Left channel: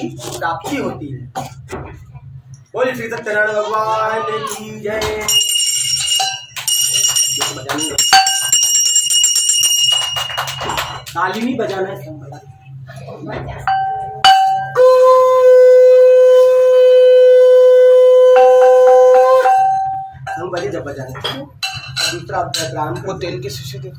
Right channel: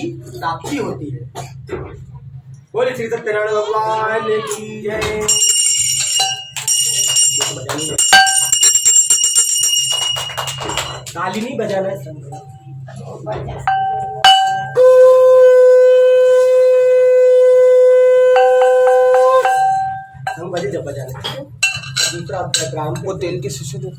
की प्राप्ति होती है। बोलिए श्री सत्यनारायण भगवान की जय। ताली नहीं बजाना है, हम बजे जब बजाने। दूसरा प्रारंभ को तेल के शीशे दे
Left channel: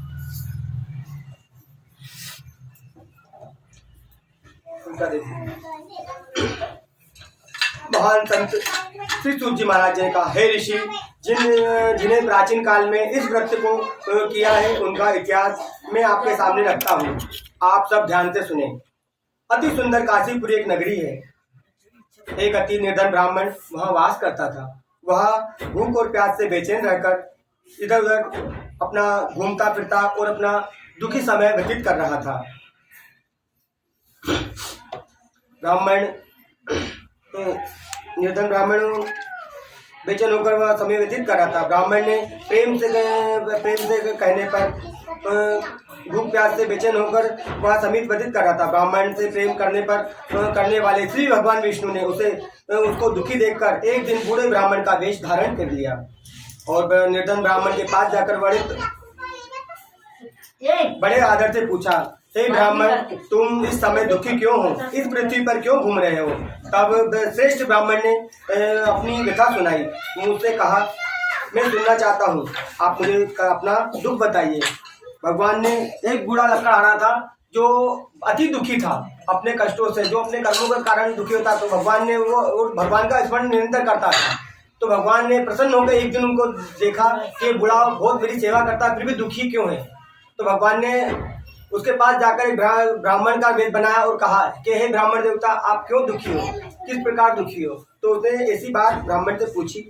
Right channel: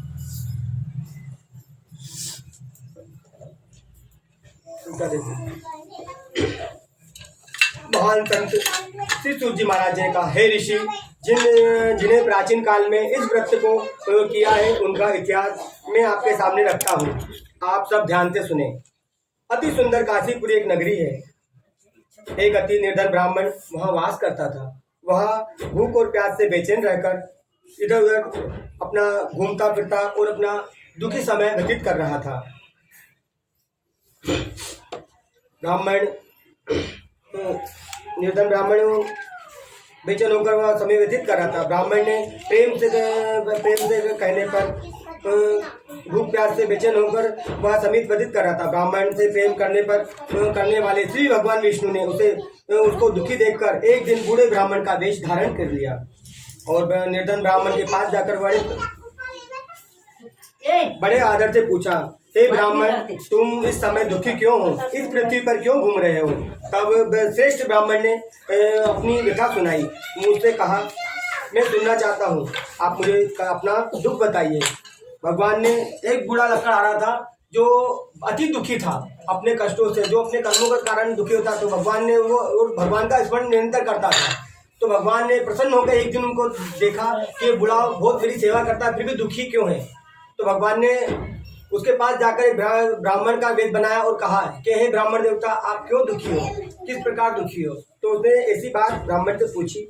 महान संत श्री सूत जी महाराज ने कहा, हे ऋषि, जिन्हें प्राचीन काल में इस व्रत को किया है उनका इतिहास मैं आपके सामने रखता हूँ। आप सब ध्यान से सुने। अति सुंदर काशीपुरी एक नगरी है। एक अति निर्धन ब्राह्मण वहाँ वास करता था। वह भूख और प्यास से बेचैन रहकर इधर उधर अपना घूमता फिरता और अपना दुखी समय व्यतीत कर रहा था। निर्धन ब्राह्मण बेचैन होकर वह समय व्यतीत कर रहा था। ब्राह्मण ने प्रेम से कहने पर भूख प्यास से बेचैन होकर वह समय व्यतीत कर रहा था। ब्राह्मण से प्रेम करने वाले श्री भगवान विष्णु ने उसको दुखी देखकर एक दिन बूढ़े ब्राह्मण का वेश धारण कर लिया और निर्धन ब्राह्मण के पास जाकर बड़े आदर से पूछा, हे ब्राह्मण, तुम इस समय दुखी क्यों हो? इस पृथ्वी पर क्यों घूम रहे हो? तब श्रेष्ठ ब्राह्मण ने अपनी व्यथा सुनाई। मुझसे कहा, मैं सुनना चाहता हूँ, आप मुझे अपना दुख बताइए। भगवान ने एक बूढ़ा लड़का आ रहा था जो अति दुखी था अपने कष्टों से, जो अपने कर्मों के कारण दुखी होता। तो भगवान ने वो भगवान का स्मरण निरंतर करता था। तो भगवान ने प्रसन्न होकर एक दिन उनको देखा कि ये बूढ़ा बहुत मेरी सेवा करता है, फिर भी दुखी क्यों है। तो भगवान ने उसके पास जाकर एक ब्राह्मण का वेश बनाया और कहा कि हे ब्राह्मण देवता, आप क्यों दुखी हो, किस प्रकार दुखी हो? तो उसने ऐसी बात ब्राह्मण से पूछी।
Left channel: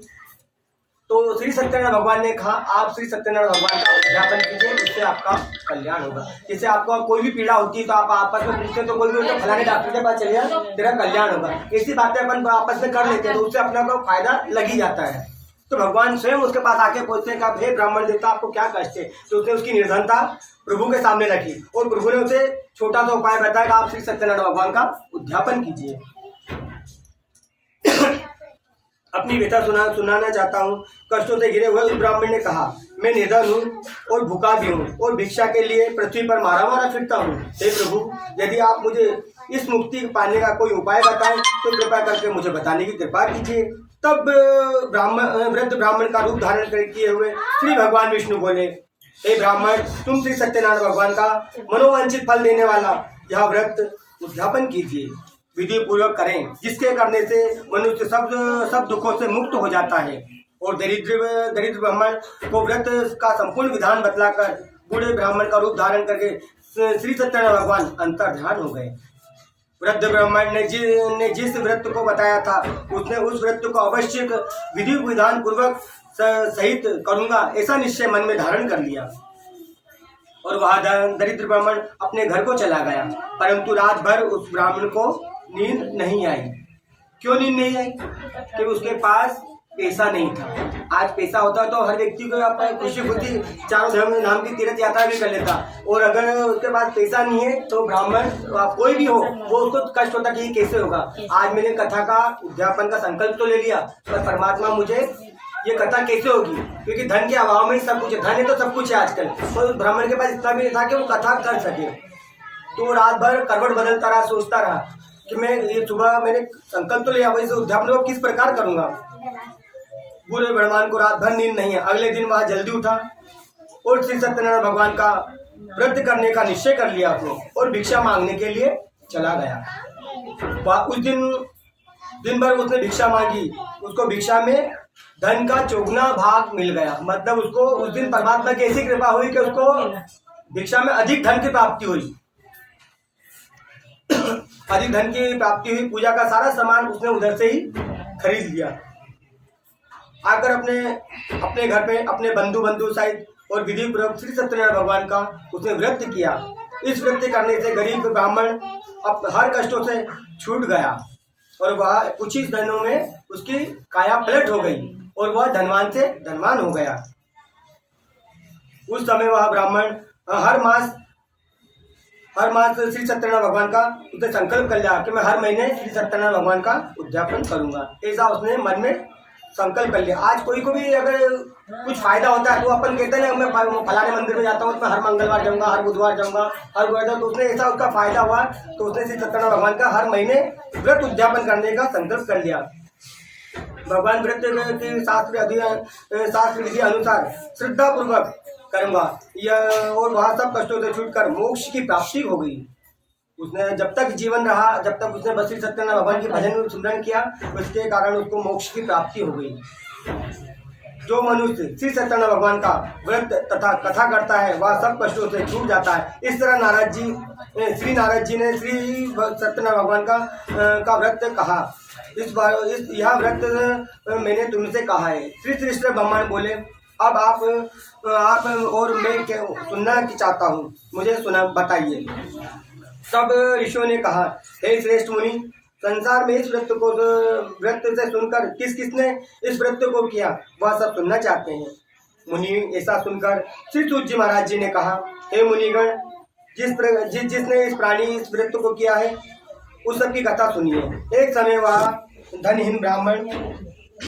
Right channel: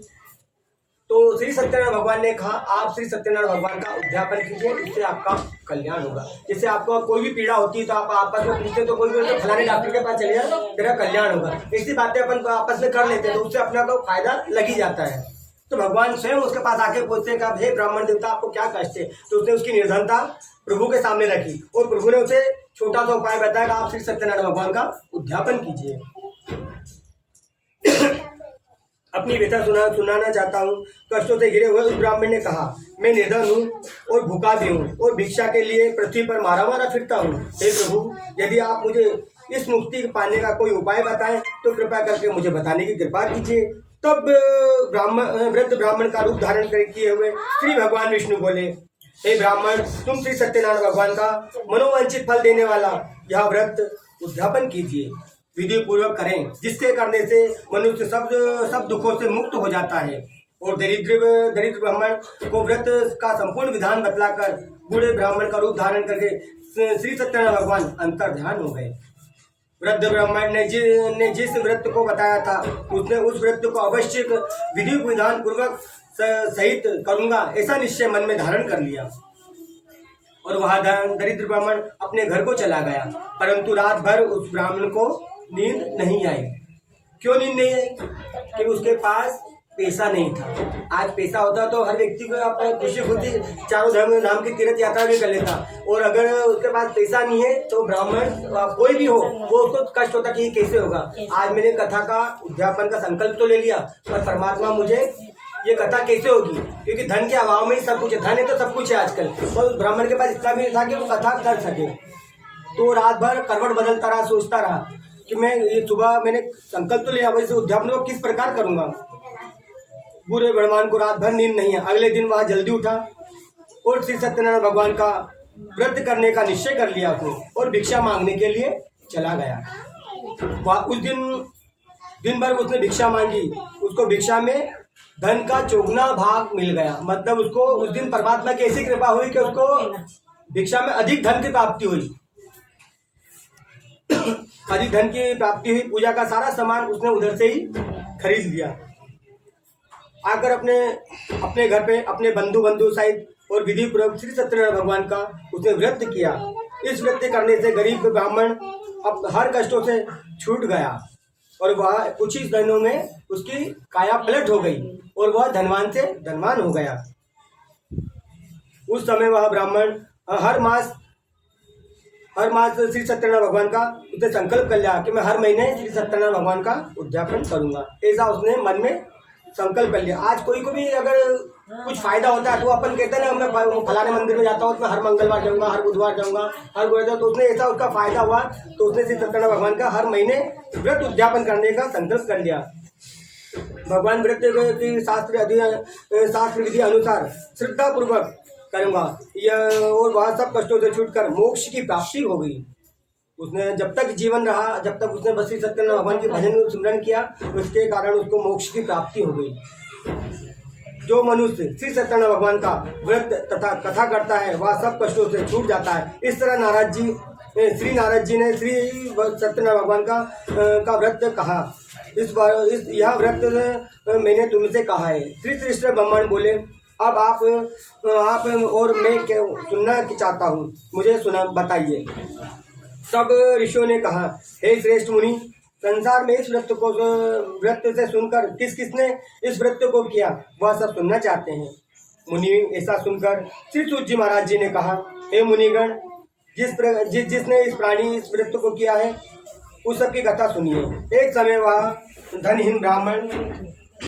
तो श्री सत्यनारायण भगवान ने कहा, आप श्री सत्यनारायण भगवान का उद्यापन कीजिए, उससे आपका कल्याण होगा। जैसे आपको कोई भी पीड़ा होती है तो आप आपस में पूछते तो कोई तो फलाने डॉक्टर के पास चले जाओ, तेरा कल्याण होगा। ऐसी बातें अपन आपस में कर लेते हैं तो उससे अपना को फायदा लग ही जाता है। तो भगवान स्वयं उसके पास आके पूछते हैं कि हे ब्राह्मण देवता, आपको क्या कष्ट है? तो उसने उसकी निर्धनता प्रभु के सामने रखी और प्रभु ने उसे छोटा सा उपाय बताया कि आप श्री सत्यनारायण भगवान का उद्यापन कीजिए। अपनी व्यथा सुनाना चाहता हूँ। कष्टों से घिरे हुए उस ब्राह्मण ने कहा, मैं निर्धन हूँ और भूखा भी हूँ और भिक्षा के लिए पृथ्वी पर मारा फिरता हूँ। हे प्रभु, यदि आप मुझे इस मुक्ति पाने का कोई उपाय बताएं तो कृपया करके मुझे बताने की कृपा कीजिए। तब वृद्ध ब्राह्मण का रूप धारण किए हुए श्री भगवान विष्णु बोले, हे ब्राह्मण, तुम श्री सत्यनारायण भगवान का मनोवांछित फल देने वाला यह व्रत उद्यापन कीजिए, विधि पूर्वक करें, जिसके करने से मनुष्य सब दुखों से मुक्त हो जाता है। और दरिद्र ब्राह्मण को व्रत का संपूर्ण विधान बतलाकर बूढ़े ब्राह्मण का रूप धारण करके श्री सत्यनारायण भगवान अंतर्ध्यान हो गए। वृद्ध ब्राह्मण ने जिस व्रत को बताया था उसने उस व्रत को अवश्य विधि विधान पूर्वक सहित करूंगा ऐसा निश्चय मन में धारण कर लिया और वह दरिद्र ब्राह्मण अपने घर को चला गया। परंतु रात भर उस ब्राह्मण को नींद नहीं आई। क्यों नींद नहीं आई? कि उसके पास पैसा नहीं था। आज पैसा होता तो हर व्यक्ति को अपनी खुशी खुशी चारों धाम नाम की तीर्थ यात्रा भी कर लेता, और अगर उसके पास पैसा नहीं है तो ब्राह्मण कोई भी हो वो उसको कष्ट होता कि कैसे होगा। आज मैंने कथा का उद्यापन का संकल्प तो ले लिया, पर परमात्मा मुझे ये कथा कैसे होगी, क्योंकि धन के अभाव में ही सब कुछ है। धन है तो सब कुछ है आजकल, पर उस ब्राह्मण के पास इतना भी नहीं था कि वो कथा कर सके। तो रात भर करवट बदलता रहा, सोचता रहा कि मैं ये सुबह मैंने संकल्प तो लिया, वैसे उद्यापन को किस प्रकार करूंगा। बूढ़े ब्राह्मण को रात भर नींद नहीं है। अगले दिन वह जल्दी उठा और श्री सत्यनारायण भगवान का व्रत करने का निश्चय कर लिया उसने और भिक्षा मांगने के लिए चला गया। उस दिन भर उसने भिक्षा मांगी, उसको भिक्षा में धन का चौगुना भाग मिल गया। मतलब उसको उस दिन परमात्मा की ऐसी कृपा हुई कि उसको भिक्षा में अधिक धन की प्राप्ति हुई। अधिक धन की प्राप्ति हुई। पूजा का सारा सामान उसने उधर से ही खरीद लिया। आकर अपने घर पे अपने बंधु सहित और विधि पूर्वक श्री सत्यनारायण भगवान का उसने व्रत किया। इस व्रत करने से गरीब ब्राह्मण अब हर कष्टों से छूट गया और वह कुछ ही दिनों में उसकी काया पलट हो गई और वह धनवान से धनवान हो गया। उस समय वह ब्राह्मण हर मास हर मास श्री सत्यनारायण भगवान का उसने संकल्प कर लिया कि मैं हर महीने श्री सत्यनारायण भगवान का उद्यापन करूंगा। ऐसा उसने मन में संकल्प कर लिया। आज कोई को भी अगर कुछ फायदा होता है तो अपन कहते हैं ना, मैं फलाने मंदिर में जाता हूँ तो मैं हर मंगलवार जाऊंगा, हर बुधवार जाऊंगा, हर गुरुवार। तो उसने ऐसा उसका फायदा हुआ तो उसने श्री सत्यनारायण भगवान का हर महीने व्रत उद्यापन करने का संकल्प कर लिया। भगवान व्रत की शास्त्र विधि अनुसार श्रद्धा पूर्वक करूंगा यह, और वह सब कष्टों से छूटकर मोक्ष की प्राप्ति हो गई। उसने जब तक जीवन रहा, जब तक उसने बस श्री सत्यनारायण भगवान के भजन स्मरण किया, उसके कारण उसको मोक्ष की प्राप्ति हो गई। जो मनुष्य श्री सत्यनारायण भगवान का व्रत तथा कथा करता है वह सब कष्टों से छूट जाता है। इस तरह श्री नारद जी ने श्री सत्यनारायण भगवान का व्रत कहा। यह व्रत मैंने तुमसे कहा है। श्री कृष्ण ब्रह्मण बोले, अब आप और मैं क्या सुनना चाहता हूँ, मुझे सुना बताइए। तब ऋषियों ने कहा, हे श्रेष्ठ मुनि, संसार में इस व्रत से सुनकर किस किसने इस व्रत को किया वह सब सुनना चाहते हैं। मुनि ऐसा सुनकर श्री सूत जी महाराज जी ने कहा, हे मुनिगण, जिसने इस व्रत को किया है उस सब की कथा सुनिए। एक समय वह धनहीन ब्राह्मण